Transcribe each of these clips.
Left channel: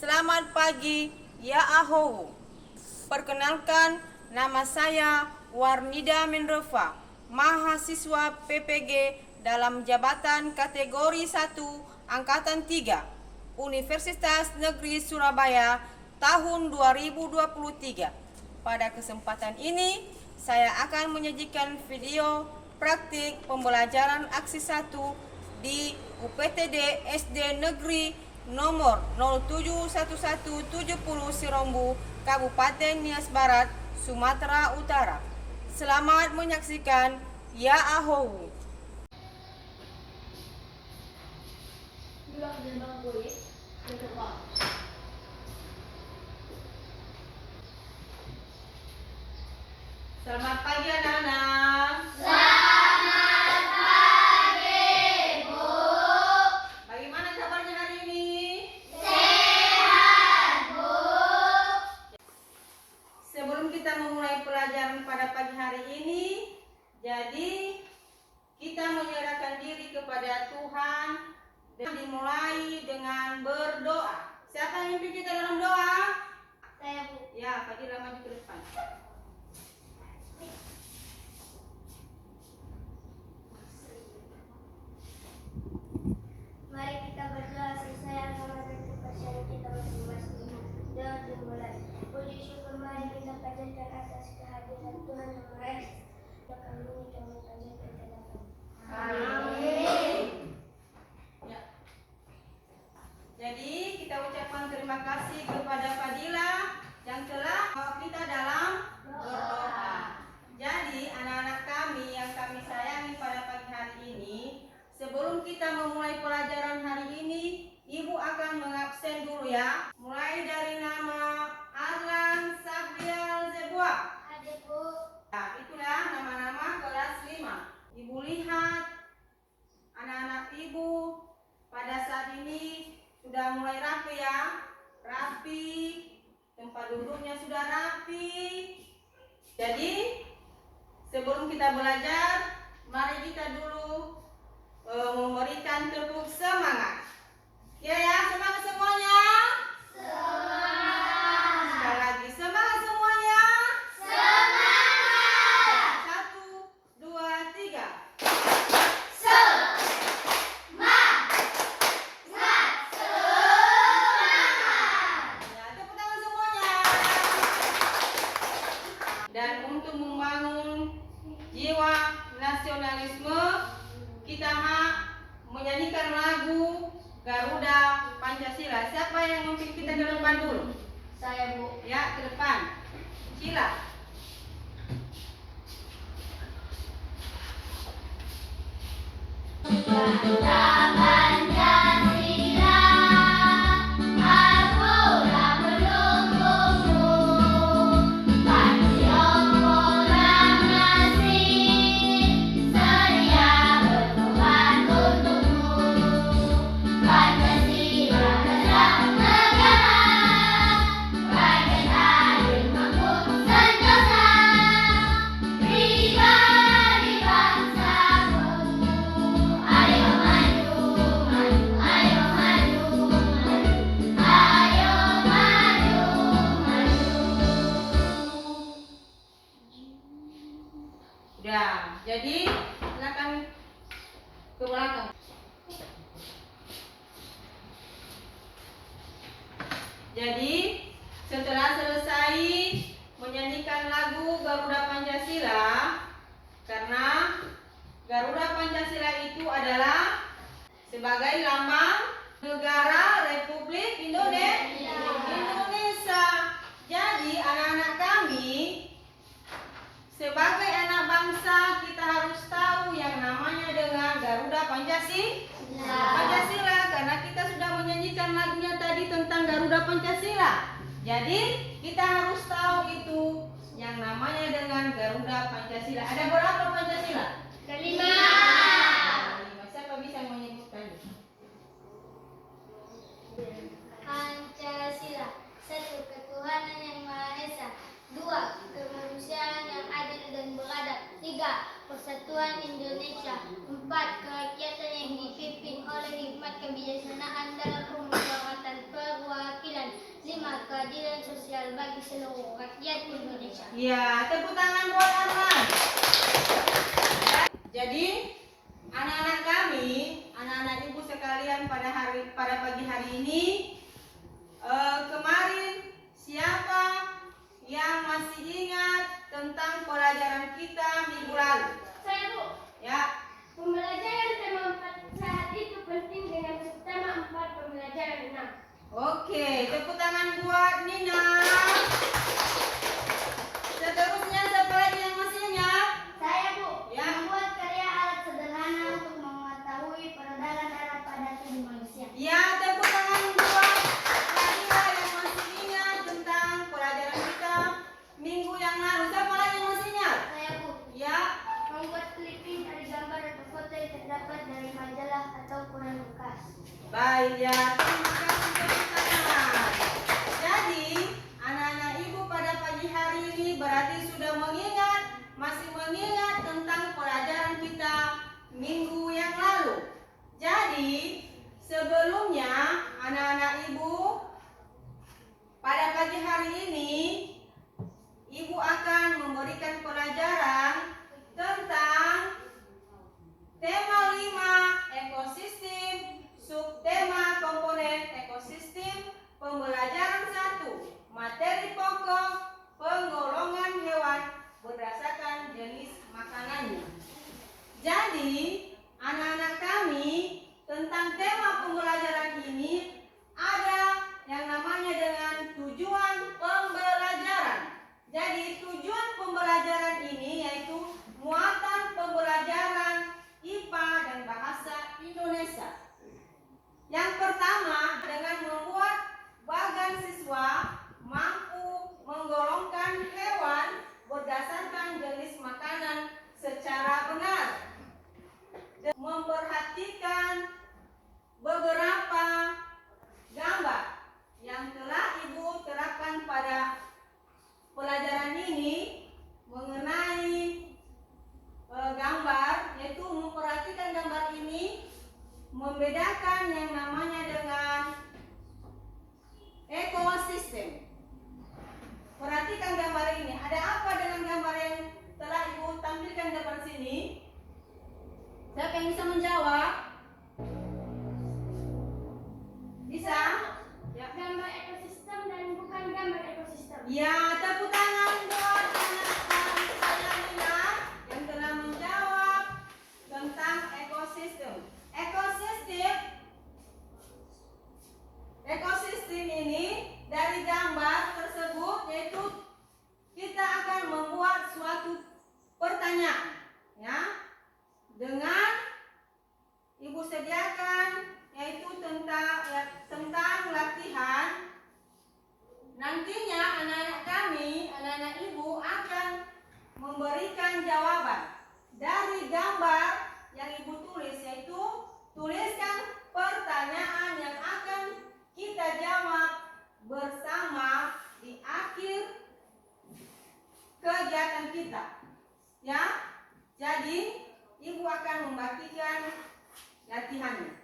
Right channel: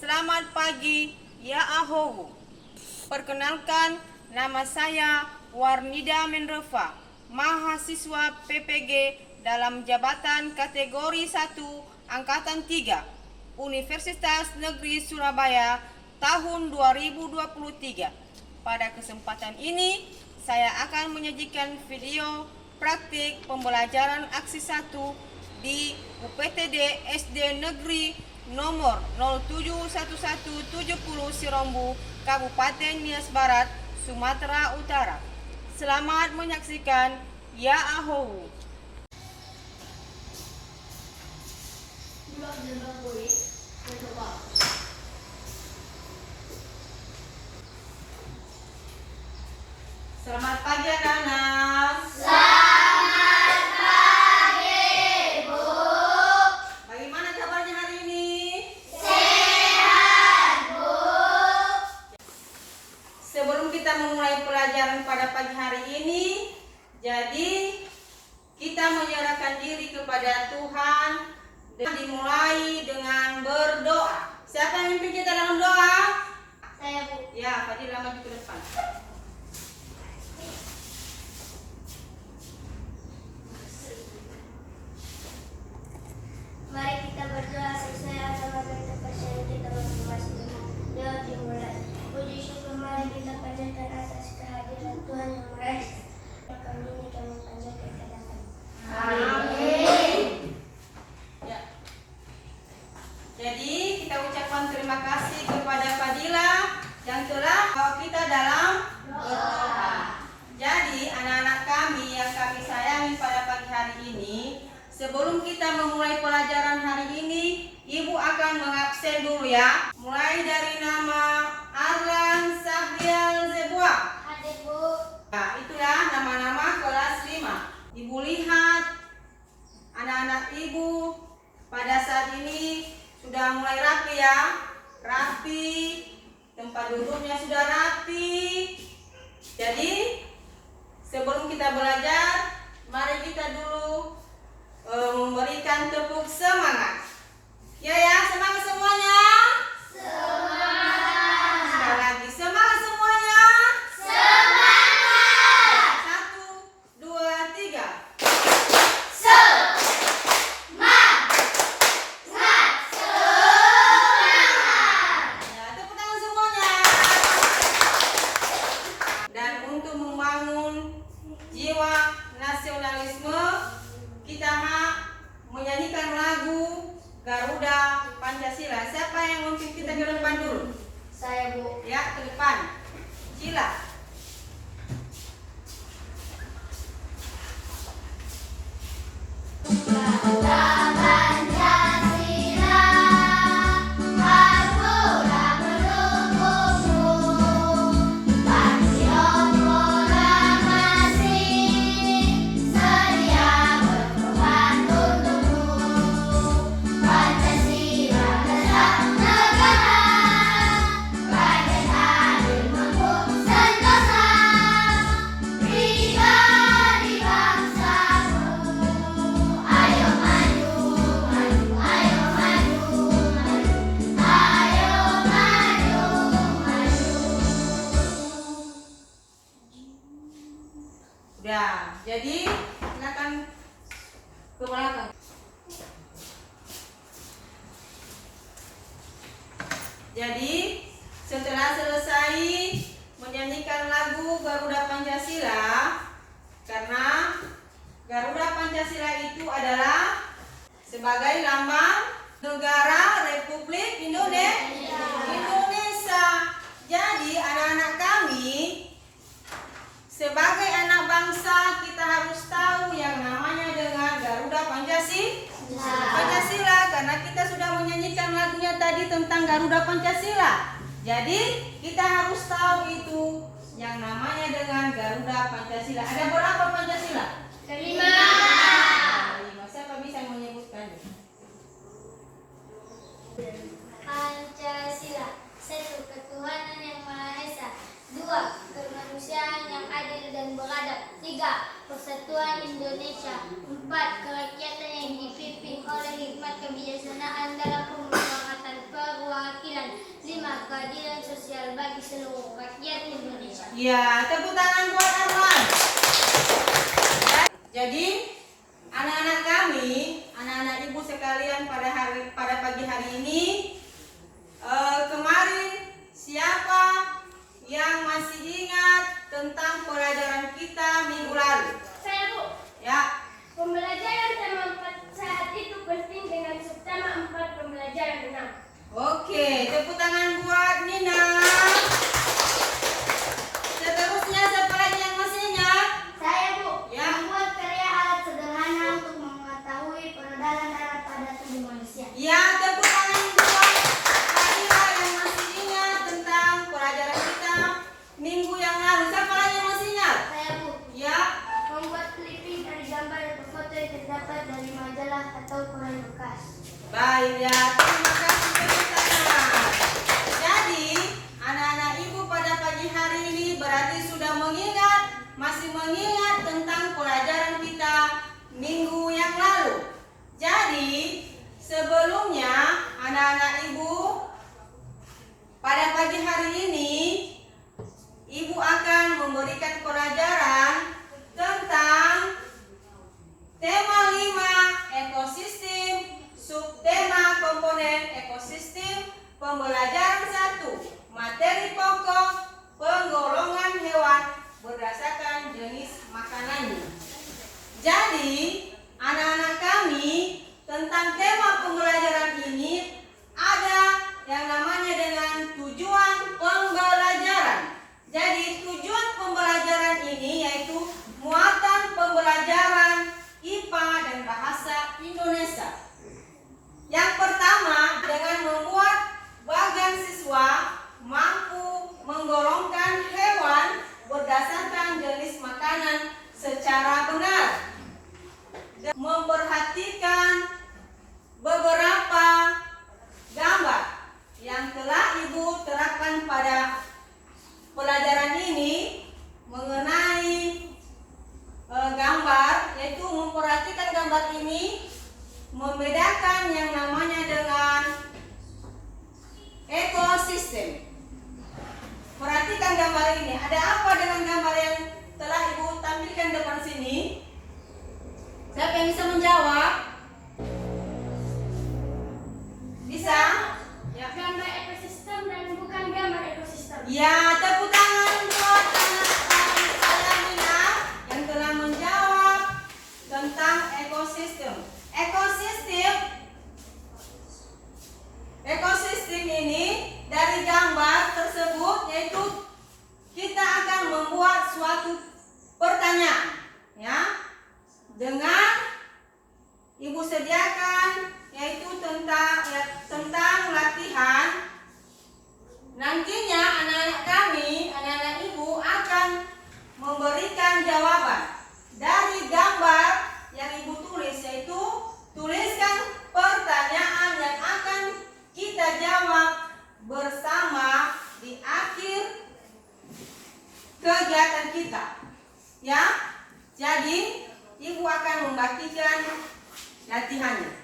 Selamat pagi, ya Ahowu. Perkenalkan, nama saya Warnida Menrova, mahasiswa PPG dalam jabatan kategori 1 Angkatan 3, Universitas Negeri Surabaya tahun 2023. Pada kesempatan ini, saya akan menyajikan video praktik pembelajaran aksi 1 di UPTD SD Negeri nomor 071170 Sirombu, Kabupaten Nias Barat, Sumatera Utara. Selamat menyaksikan, ya Ahowu. Selamat pagi anak-anak. Selamat pagi, Bu. Bagaimana kabarnya hari ini? Sehat, Bu. Sebelum kita memulai pelajaran pada pagi hari ini, jadi kita menyerahkan diri kepada Tuhan dan dimulai dengan berdoa. Siapa yang memimpin kita dalam doa? Saya, Bu. Ya, Fadila maju ke depan. Mari kita berdoa sesuai agama dan kepercayaan kita masing-masing. Doa dimulai. Puji syukur mari kita panjatkan atas kehadiran Tuhan yang Maha Esa. Kami ini kami panjatkan kehadiran. Amin. Ya. Jadi kita ucapkan terima kasih kepada Fadila yang telah membawa kita dalam berdoa. Jadi anak-anak kami yang kami sayangi pada pagi hari ini, sebelum kita memulai pelajaran hari ini, Ibu akan mengabsen dulu ya. Mulai dari nama Arlan Sabriel Zebua. Hadir, Bu. Nah, itulah nama-nama kelas 5. Ibu lihat anak-anak Ibu pada saat ini sudah mulai rapi ya. Rapi, tempat duduknya sudah rapi. Jadi sebelum kita belajar, mari kita dulu memberikan tepuk semangat. Ya, semangat semuanya. Semangat. Sekali lagi, semangat semuanya. Semangat. 1, 2, 3. Ya, tepuk tangan semuanya. Dan untuk membangun jiwa nasionalisme, kita menyanyikan lagu Garuda Pancasila. Siapa yang memimpin kita ke depan dulu? Saya, Bu. Ya, ke depan. Sila. Pancasila, Harpura pendukungmu, Proklamasi, sedia berkorban untukmu. Pancasila dasar negara, rakyat adil makmur sentosa, pribadi bangsaku. Ayo maju, maju, ayo maju, maju, ayo maju, maju. Udah, jadi silakan ke belakang. Jadi setelah selesai menyanyikan lagu Garuda Pancasila, karena Garuda Pancasila itu adalah sebagai lambang negara Republik Indonesia. Jadi anak-anak kami, sebagai anak bangsa, kita harus tahu yang namanya dengan Garuda Pancasila, karena kita sudah menyanyikan lagunya tadi tentang Garuda Pancasila. Jadi kita harus tahu itu yang namanya dengan Garuda Pancasila. Ada berapa Pancasila? 5. Siapa bisa menyebutkan? Pancasila. 1. Ketuhanan yang Maha Esa. 2. Kemanusiaan yang adil dan beradab. 3. Persatuan Indonesia. 4. Kerakyatan yang dipimpin oleh hikmat kebijaksanaan dalam pemusyawaratan perwakilan. 5. Keadilan sosial bagi seluruh rakyat Indonesia. Ya, tepuk tangan buat Arman. Jadi, anak-anak kami, anak-anak ibu sekalian pada pagi hari ini, kemarin siapa yang masih ingat tentang pelajaran kita minggu lalu? Saya, Bu. Ya. Pembelajaran tema 4 sehat itu penting dengan subtema 4 pembelajaran 6. Oke, tepuk tangan buat Nina. Seterusnya siapa lagi yang masih ingat? Saya, Bu. Ya. Membuat karya alat sederhana untuk mengetahui peredaran darah pada tubuh manusia. Ya, tepuk tangan buat Adila yang masih ingat tentang pelajaran kita minggu yang lalu. Siapa lagi yang masih ingat? Saya, Bu. Ya. Membuat clipping dari gambar atau foto yang terdapat dari majalah atau koran bekas. Baik ya, terima kasih tepuk tangan. Jadi, anak-anak ibu pada pagi hari ini berarti sudah masih mengingat tentang pelajaran kita minggu yang lalu. Jadi, sebelumnya anak-anak ibu pada pagi hari ini ibu akan memberikan pelajaran tentang tema 5 ekosistem, subtema komponen ekosistem, pembelajaran 1 materi pokok penggolongan hewan berdasarkan jenis makanannya. Jadi, anak-anak kami tentang tema pembelajaran ini ada yang namanya dengan tujuan pembelajaran. Jadi, tujuan pembelajaran ini yaitu muatan pembelajaran IPA dan bahasa Indonesia. Yang pertama, dengan membuat bagan siswa mampu menggolongkan hewan berdasarkan jenis makanan secara benar. Dan memperhatikan beberapa gambar yang telah ibu terapkan pada pelajaran ini mengenai gambar, yaitu memperhatikan gambar ini, membedakan yang namanya dengan ekosistem. Perhatikan gambar ini. Ada apa dengan gambar yang telah ibu tampilkan depan sini? Siapa yang bisa menjawab? Bisa? Ya. Gambar ekosistem dan bukan gambar ekosistem. Ya, tepuk tangan buat anak saya Nina yang telah menjawab tentang ekosistem. Ekosistem ini dari gambar tersebut yaitu kita akan membuat suatu pertanyaan, ya, dengan ibu sediakan yaitu tentang latihan. Nantinya anak-anak kami, anak-anak ibu akan memberikan jawaban dari gambar yang ibu tulis, yaitu tuliskan pertanyaan yang akan kita jawab bersama di akhir kegiatan kita. Ya, jadi ibu akan membagikan latihannya.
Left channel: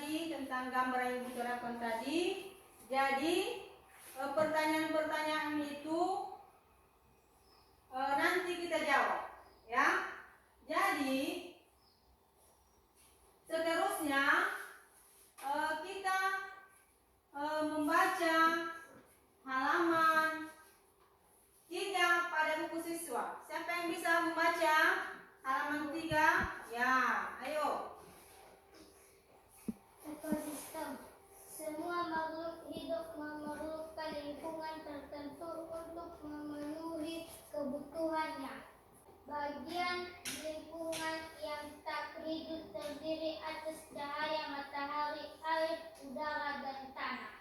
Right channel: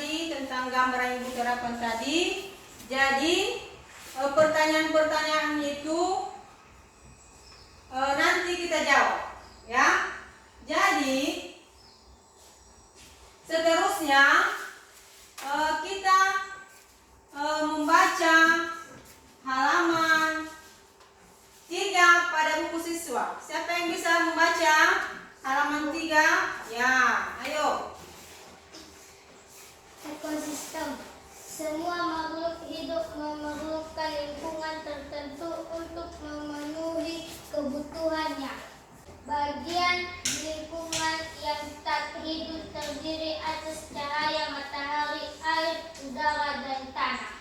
tadi tentang gambar yang Ibu terapkan tadi. Jadi pertanyaan-pertanyaan itu nanti kita jawab, ya. Jadi seterusnya kita membaca halaman 3 pada buku siswa. Siapa yang bisa membaca halaman 3? Ya, ayo. Ekosistem. Semua makhluk hidup memerlukan lingkungan tertentu untuk memenuhi kebutuhannya. Bagian lingkungan yang tak hidup terdiri atas cahaya matahari, air, udara, dan tanah.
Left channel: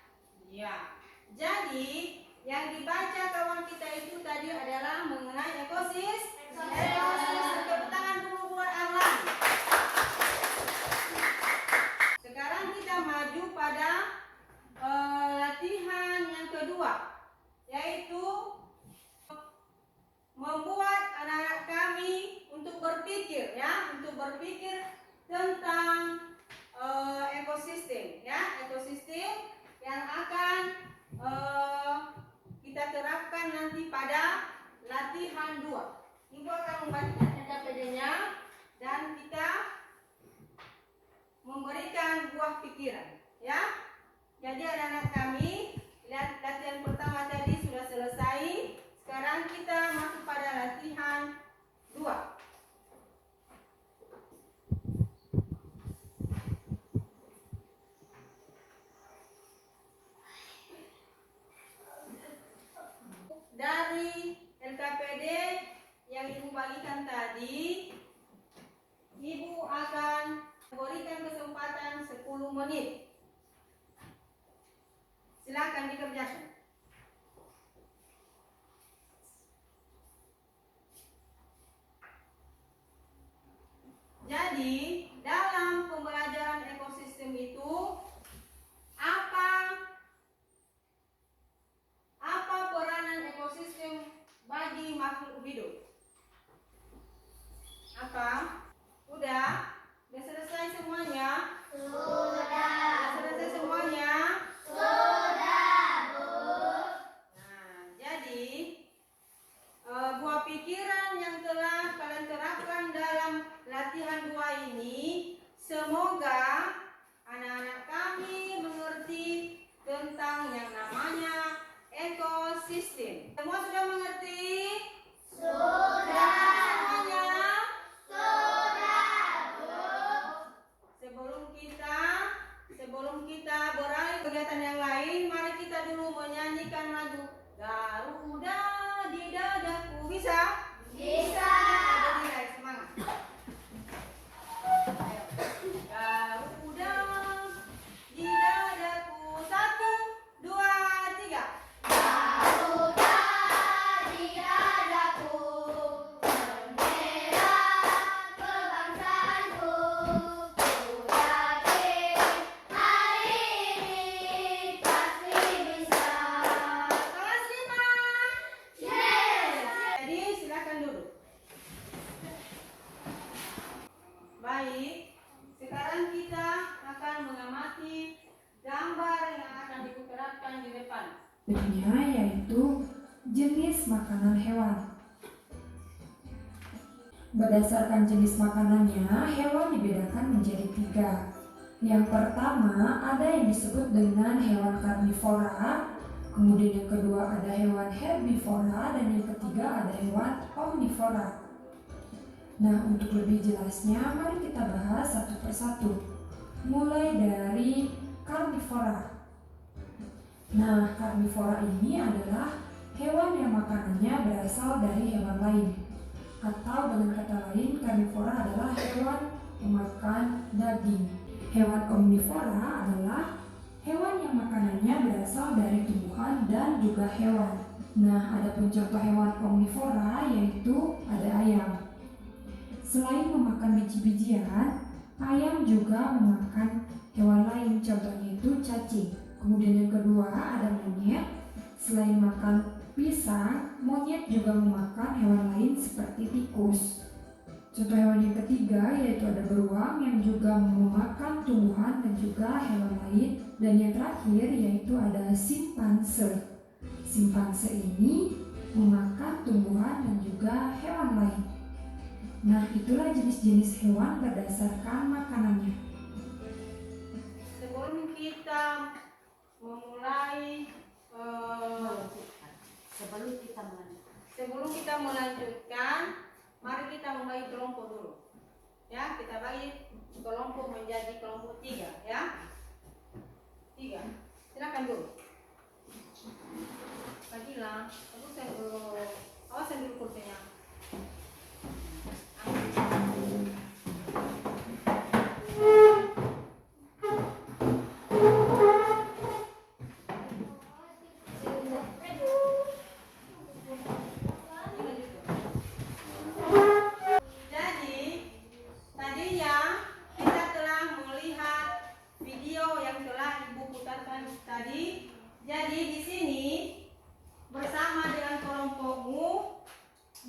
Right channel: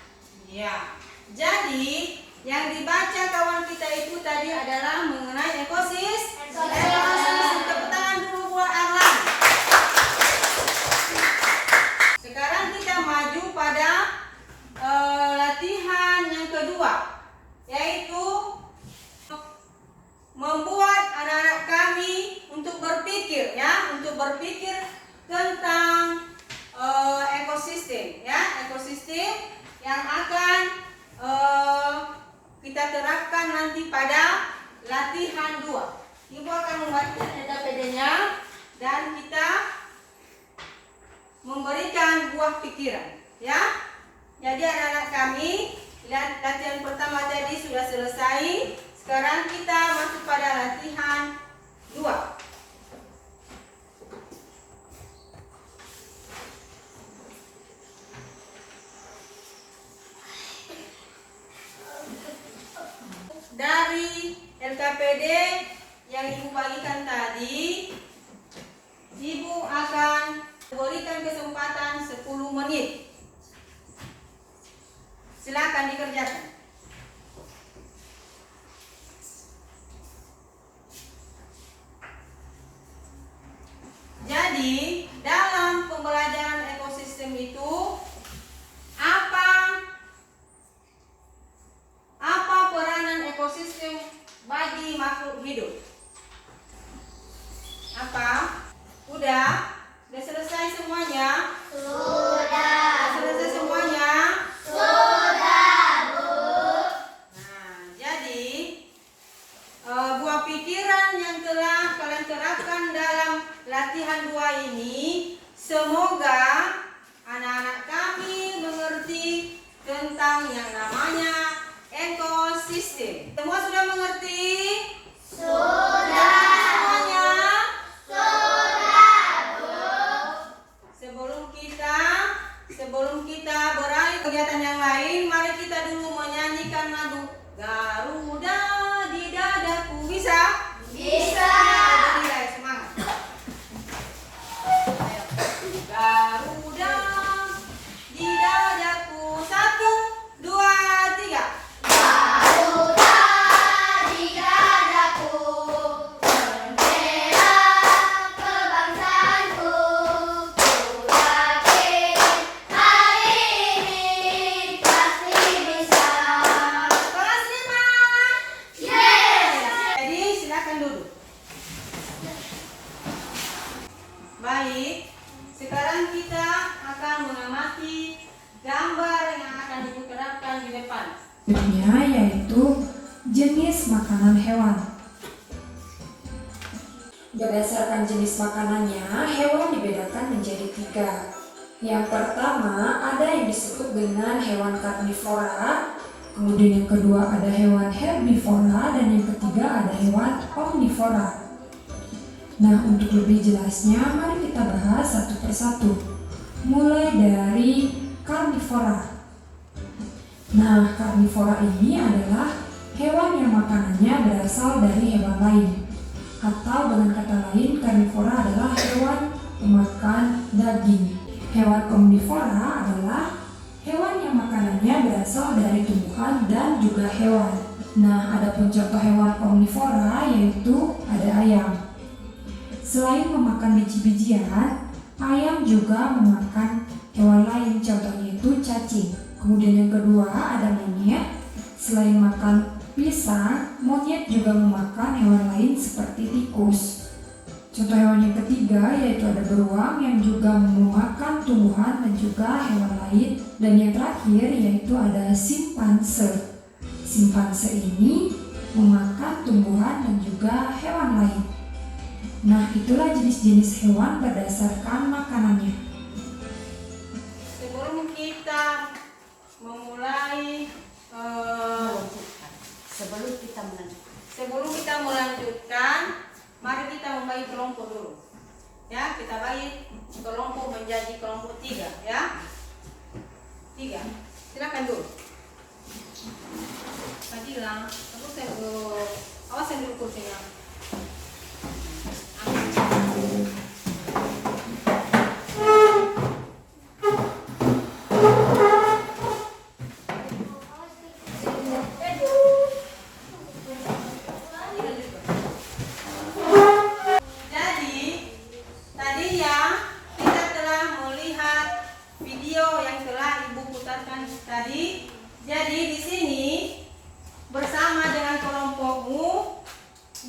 Ya. Jadi yang dibaca kawan kita itu tadi adalah mengenai ekosistem. Tepuk tangan dulu buat Arlan. Sekarang kita maju pada latihan yang kedua, yaitu membuat anak-anak kami untuk berpikir, ya, untuk berpikir tentang ekosistem, ya, ekosistem yang akan kita terapkan nanti pada latihan 2. Ibu akan membaca PD-nya dan kita memberikan buah pikiran, ya. Jadi anak-anak kami, latihan pertama tadi sudah selesai. Sekarang kita masuk pada latihan 2. Dari LKPD yang Ibu bagikan tadi, Ibu akan berikan kesempatan 10 menit. Silakan dikerjakan. Jadi, dalam pembelajaran ekosistem itu apa peranan ekosistem bagi makhluk hidup? Apa? Udah? Udah selesai semuanya? Sudah selesai semuanya? Sudah, Bu. Nah, jadi buah pikiran yang telah kalian terapkan dalam latihan 2 ini, semoga anak-anak kami mengerti tentang yang namanya ekosistem. Semua sudah mengerti? Sudah. Semuanya? Sudah, Bu. Sebelum kita beralih kegiatan yang lain, mari kita dulu menyanyikan lagu Garuda di Dadaku. Bisa? Bisa. Jadi semangat. Ayo. Garuda di dadaku. 1, 2, 3. Garuda di dadaku, bendera kebangsaanku, ku yakin hari ini pasti bisa. Kelas 5. Yes! Jadi silakan duduk. Baik, sekarang kita akan mengamati gambar yang akan diterapkan di depan. Berikutnya yaitu jenis makanan hewan. Berdasarkan jenis makanannya, hewan dibedakan menjadi 3. Yang pertama ada yang disebut dengan hewan karnivora, kemudian yang kedua ada hewan herbivora, dan yang ketiga ada hewan omnivora. Nah, untuk lebih jelasnya, mari kita bahas satu persatu. Mulai dari karnivora. Nah, karnivora ini adalah hewan yang makanannya berasal dari hewan lain. Atau dengan kata lain, karnivora adalah hewan pemakan daging. Hewan omnivora adalah hewan yang makanannya berasal dari tumbuhan dan juga hewan. Nah, ada pun contoh hewan omnivora yaitu ada ayam. Selain memakan biji-bijian, ayam juga memakan hewan lain, contohnya itu cacing. Kemudian yang kedua ada monyet. Selain makan pisang, monyet juga memakan hewan lain seperti tikus. Contoh hewan yang ketiga yaitu ada beruang yang juga memakan tumbuhan dan juga hewan lain. Dan yang terakhir yaitu ada simpanse. Simpanse ini memakan tumbuhan dan juga hewan lain. Nah, itulah jenis-jenis hewan berdasarkan makanannya. Sebelum kita memulai sebelum kita melanjutkan, mari kita membagi kelompok dulu. Ya, kita bagi kelompok menjadi kelompok 3 ya. 3. Silakan dulu. Fadila, terus awasin dulu kursinya. Jadi di sini bersama dengan kelompokmu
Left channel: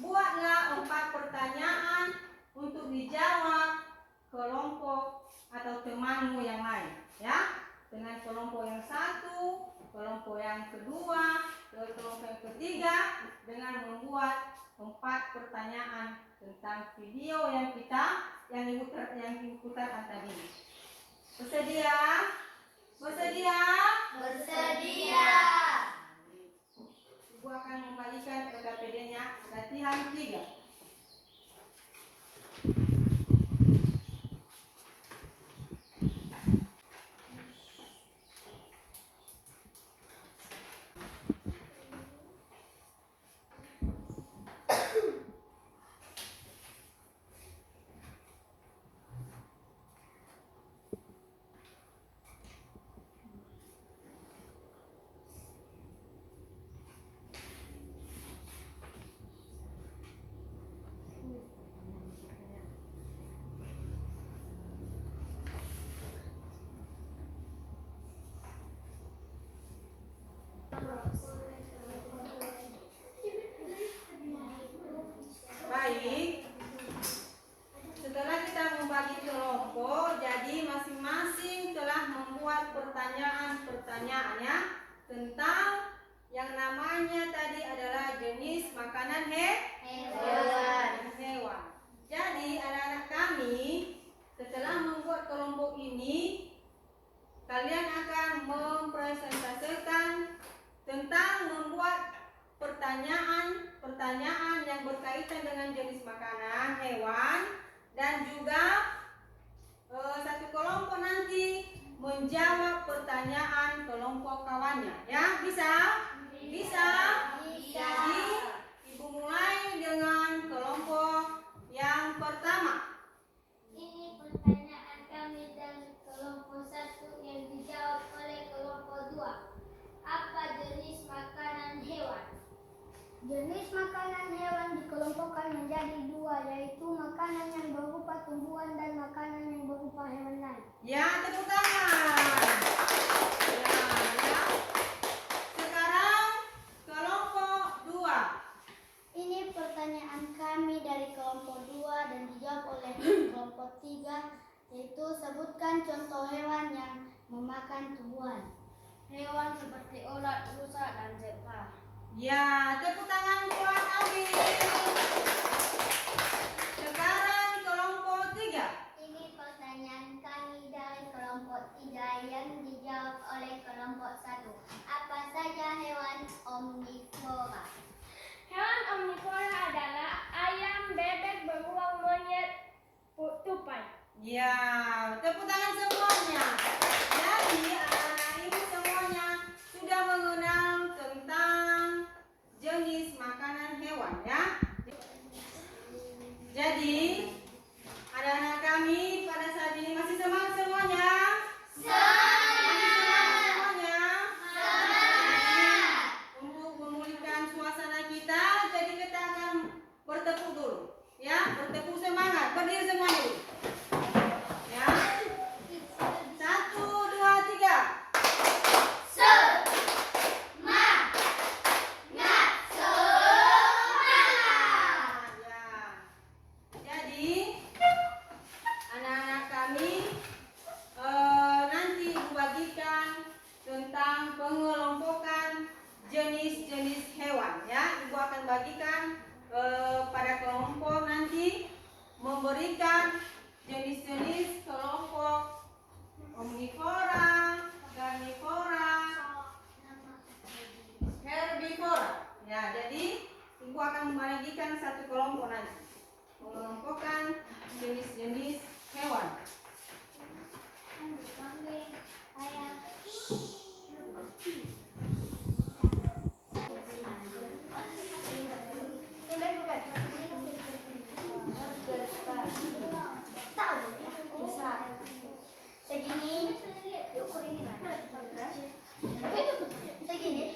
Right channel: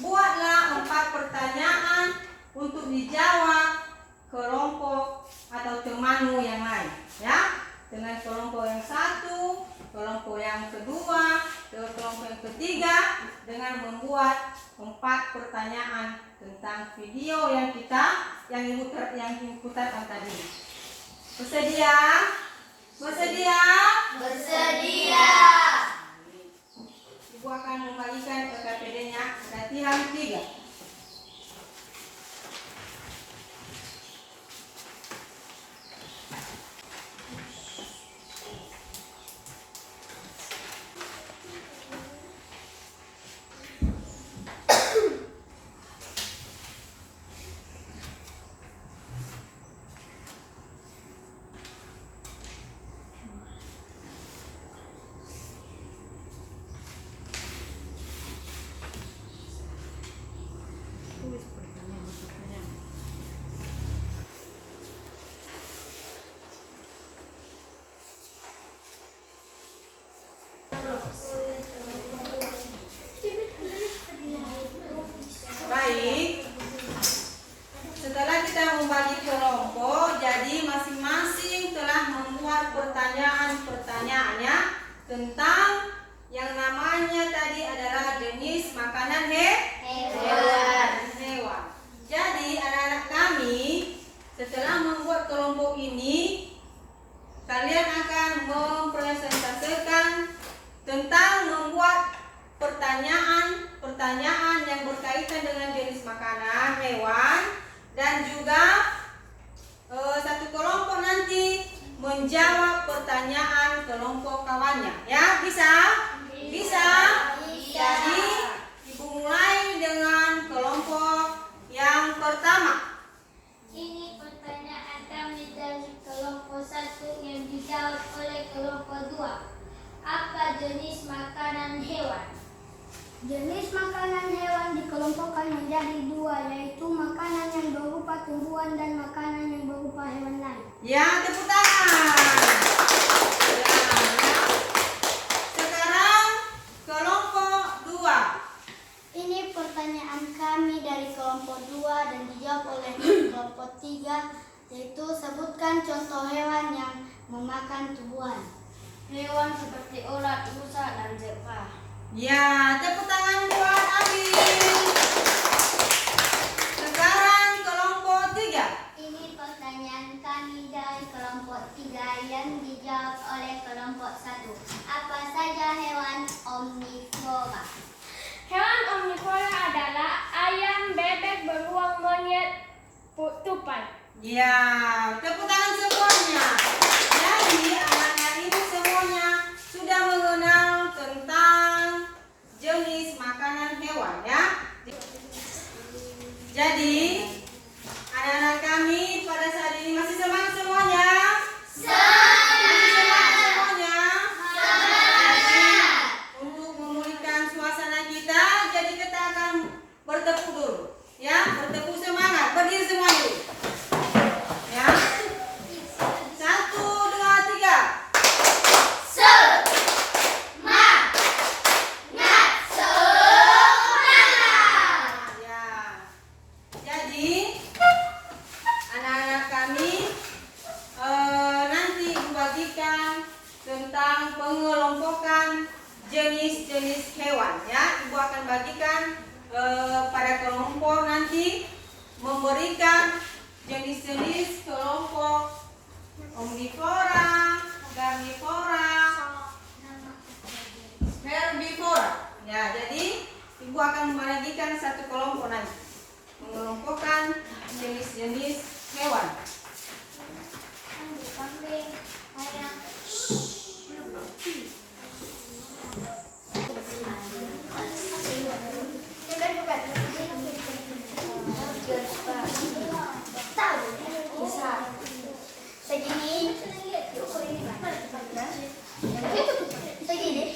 buatlah 4 pertanyaan untuk dijawab kelompok atau temanmu yang lain, ya. Dengan kelompok yang 1, kelompok yang kedua, kelompok yang ketiga dengan membuat 4 pertanyaan tentang video yang ibu putarkan tadi. Bersedia? Bersedia? Bersedia. Ibu akan membagikan PKPD-nya latihan 3. Baik, setelah kita membagi kelompok, jadi masing-masing telah membuat pertanyaan-pertanyaannya tentang yang namanya tadi adalah jenis makanan hewan. Jadi anak-anak kami setelah membuat kelompok ini, kalian akan mempresentasikan tentang membuat pertanyaan yang berkaitan dengan jenis makanan hewan, dan juga satu kelompok nanti menjawab pertanyaan kelompok kawannya. Ya, bisa? Bisa? Jadi ibu mulai dengan kelompok yang pertama. Ini pertanyaan kami dari kelompok 1 yang dijawab oleh kelompok 2. Apa jenis makanan hewan? Jenis makanan hewan dikelompokkan menjadi 2, yaitu makanan yang berupa tumbuhan dan makanan yang berupa hewan lain. Ya, tepuk tangan. Ya. Sekarang kelompok 2. Ini pertanyaan kami dari kelompok 2 dan dijawab oleh kelompok 3, yaitu sebutkan contoh hewan yang memakan tumbuhan. Hewan seperti ulat, rusa, dan zebra. Ya, tepuk tangan buat Abi. Sekarang kelompok 3. Ini pertanyaan kami dari kelompok 3 yang dijawab oleh kelompok 1. Apa saja hewan omnivora? Hewan omnivora adalah ayam, bebek, beruang, monyet, tupai. Ya, tepuk tangan semuanya. Jadi anak-anak ibu semuanya sudah mengenal tentang jenis makanan hewan, ya. Jadi anak-anak kami pada saat ini masih semangat semuanya? Masih semangat semuanya? Semangat. Untuk memulihkan suasana kita, jadi kita akan bertepuk dulu, ya. Bertepuk semangat, berdiri semua dulu. Ya. 1, 2, 3. jenis-jenis hewan ya. Ibu akan bagikan pada kelompok nanti, memberikan jenis-jenis kelompok omnivora, karnivora, herbivora. Ya, jadi ibu akan membagikan satu kelompok nanti, mengelompokkan jenis-jenis hewan. Kambing, ayam. Segini. Segini.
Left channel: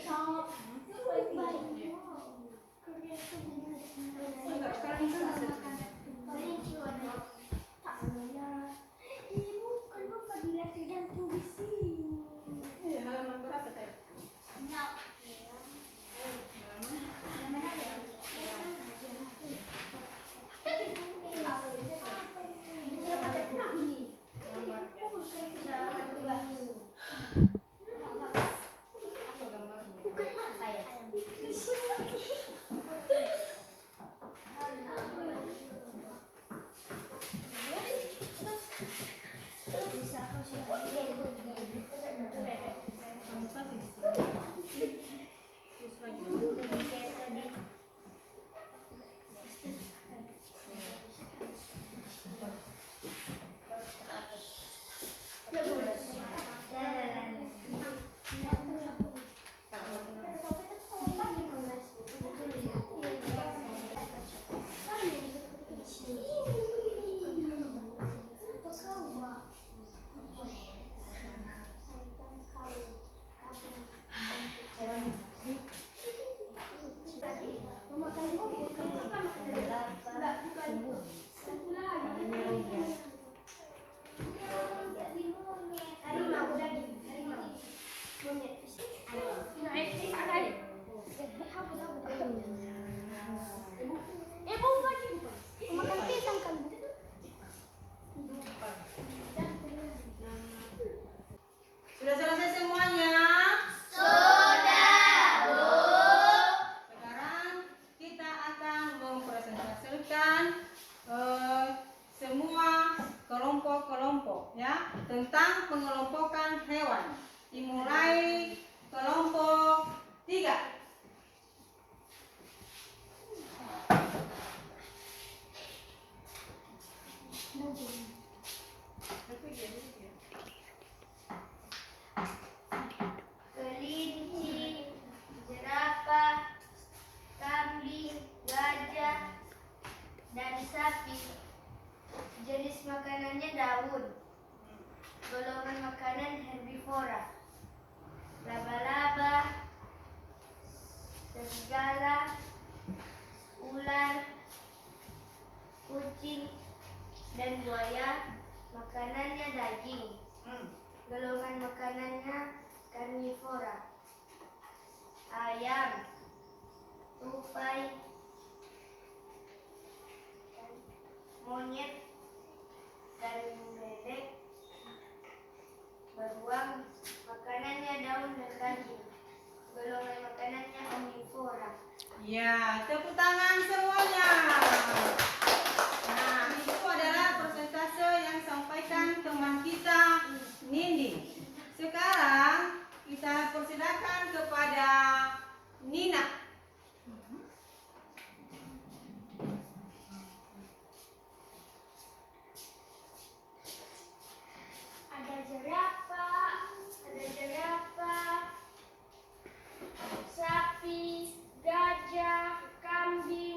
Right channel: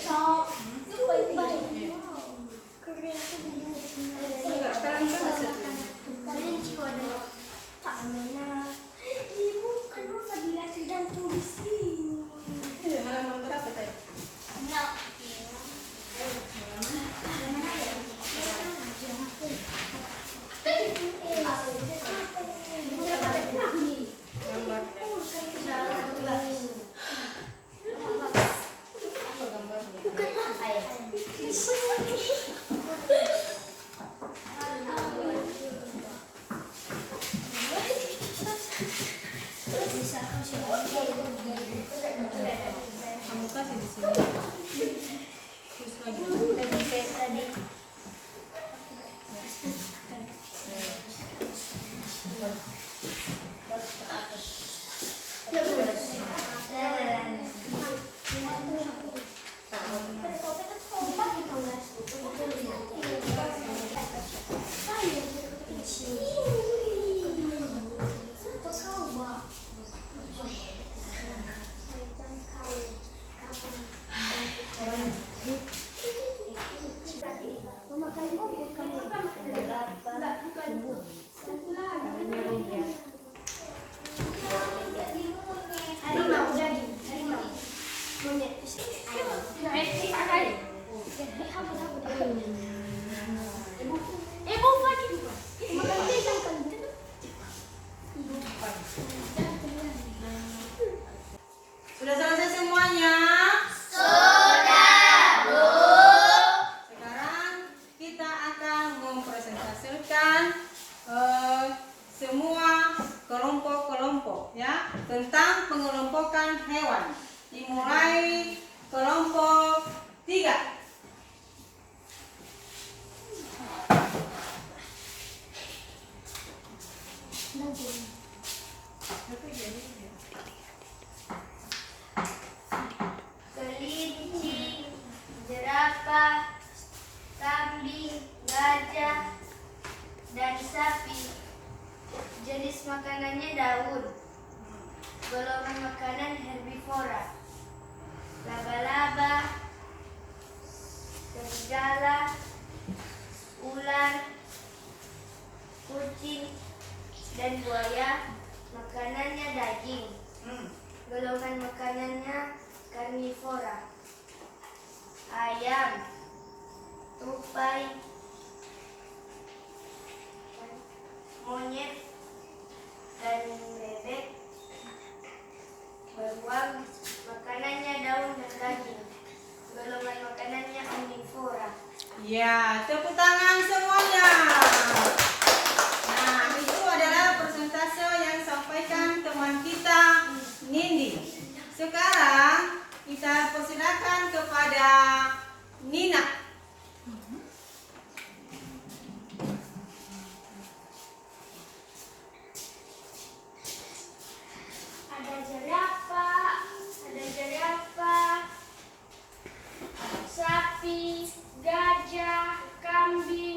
Sudah selesai semuanya? Kita akan mempresentasikan semua kelompok-kelompok ya tentang pengelompokan hewan. Dimulai kelompok 3. Kelinci, jerapah, kambing, gajah, dan sapi. Jenis makanannya daun. Golongan makanan herbivora. Laba-laba, serigala, ular, kucing, dan buaya. Makanannya daging. Golongan makanannya karnivora. Ayam, tupai, monyet, dan bebek. Beruang, makanannya daun dan daging. Golongan makanannya omnivora. Ya, tepuk tangan semuanya. Nah, itu adalah persentase yang disampaikan teman kita Nindi. Sekarang kita persilakan kepada Nina. Ada jerapah, sapi, gajah, kambing,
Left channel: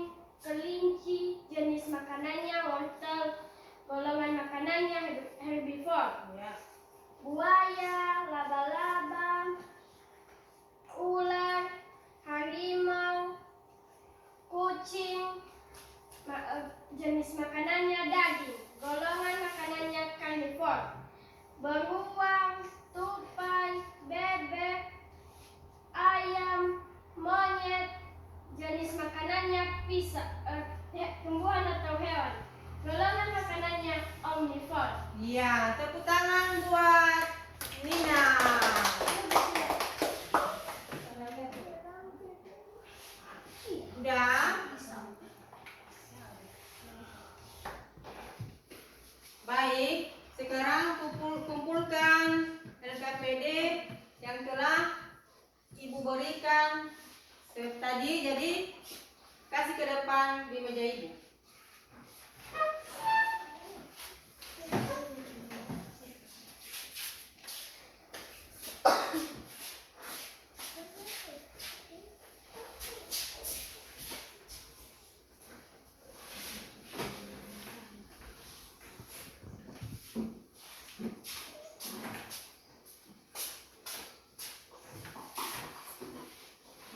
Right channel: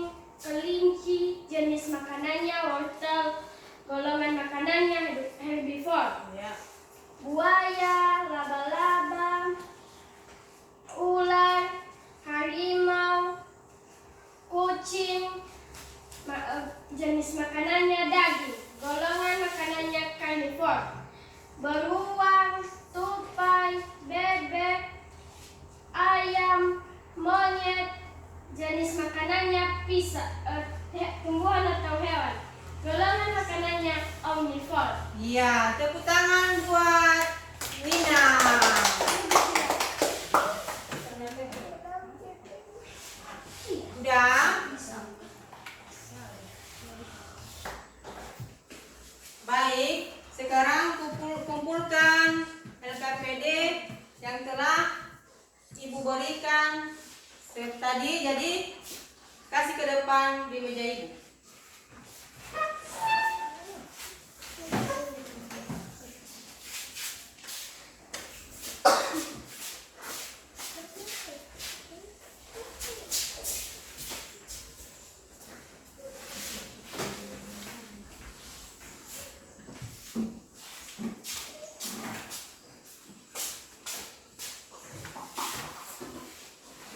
PPD yang telah Ibu berikan tadi. Jadi kasih ke depan di meja Ibu.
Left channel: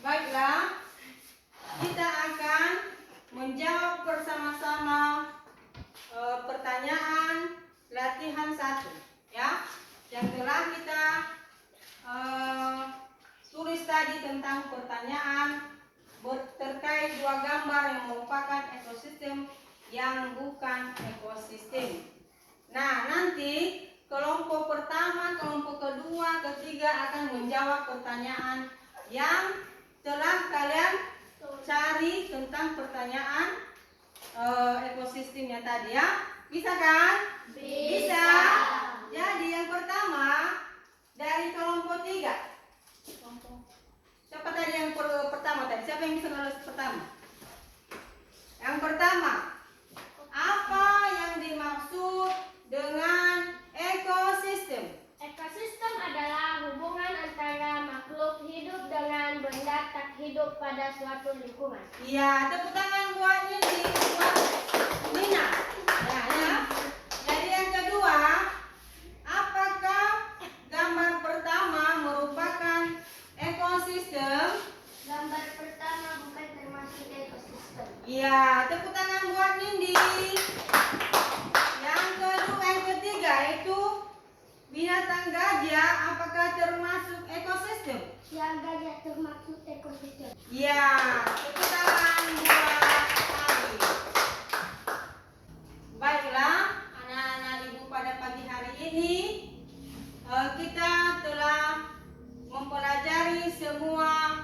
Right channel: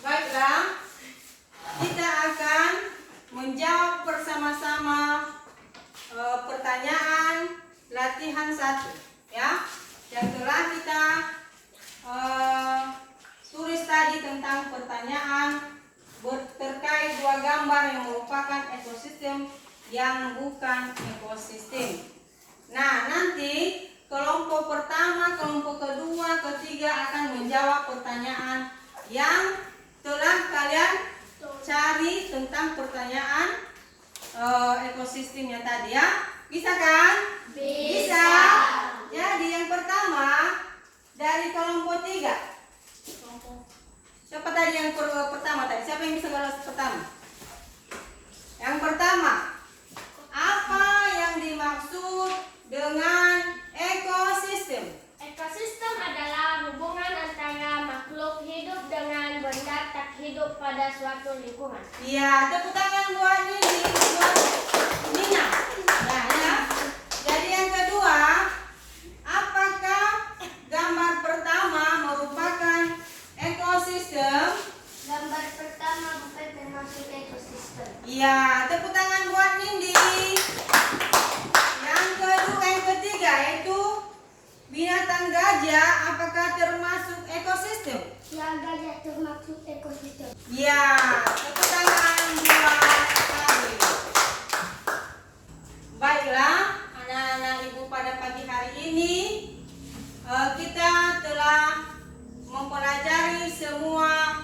Baiklah, kita akan menjawab bersama-sama pertanyaan latihan 1 ya, yang telah kita tulis tadi tentang pertanyaan terkait 2 gambar yang merupakan ekosistem yang bukan ekosistem. Nah, nanti kelompok pertama, kelompok kedua, ketiga akan menjawab pertanyaan yang telah kalian cari tentang pertanyaan ekosistemnya tadi ya. Bisa kan? Bisa. Jadi yang pertama dari kelompok 3. Siapa tadi yang pertama tadi? Siapa yang bisa balas pertama? Yang pertama, apa yang dimaksud dengan ekosistem? Ekosistem adalah hubungan antara makhluk hidup dengan benda tak hidup pada suatu lingkungan. Iya, tepuk tangan buat Nini, buat Nina. Nah, ya. Jadi yang kedua, apakah gambar pertama merupakan ekosistem? Gambar pertama bukan termasuk ekosistem. Iya, tepuk tangan buat Nindi. Yang kedua, yang ketiga yaitu binatang gajah, apakah termasuk ekosistem? Yang gajah termasuk ekosistem. Ya, tepuk tangan buat Ari. Baiklah, anak-anak Ibu, pada pagi hari ini kita telah mempelajari semua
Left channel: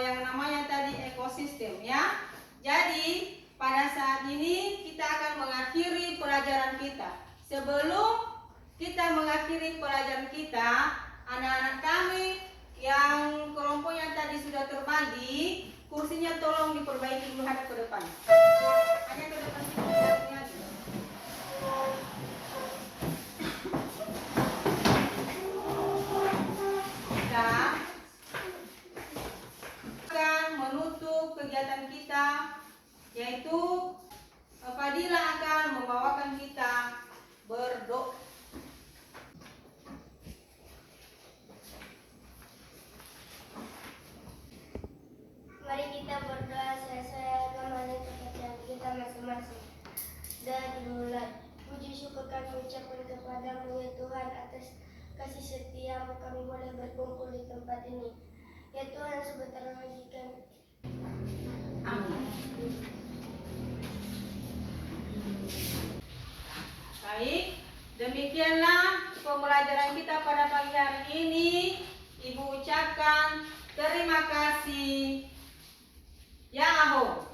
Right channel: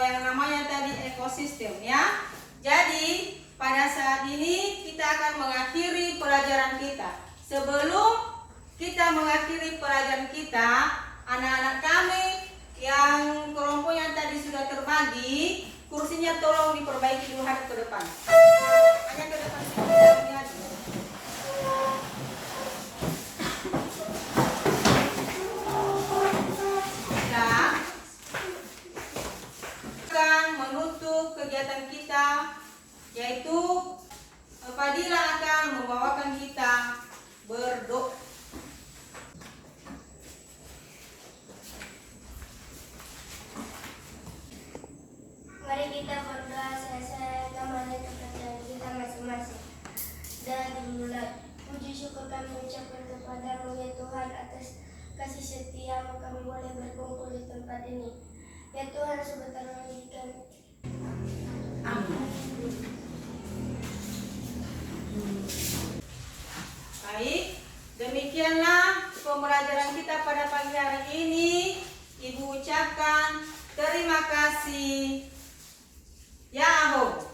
yang namanya tadi ekosistem ya. Jadi pada saat ini kita akan mengakhiri pelajaran kita. Sebelum kita mengakhiri pelajaran kita, anak-anak kami yang kelompok yang tadi sudah terbagi, kursinya tolong diperbaiki dulu, hadap ke depan. Hanya ke depan saja. Kita akan menutup kegiatan kita, yaitu Fadila akan membawakan kita berdoa. Mari kita berdoa saya kembali kepada kita masing-masing. Dan dimulai. Puji syukur kami ucapkan kepadamu ya Tuhan atas kasih setiamu kami boleh berkumpul di tempat ini. Ya Tuhan, sebentar lagi kami. Amin. Baik, demikianlah pembelajaran kita pada pagi hari ini. Ibu ucapkan terima kasih. Yahoo.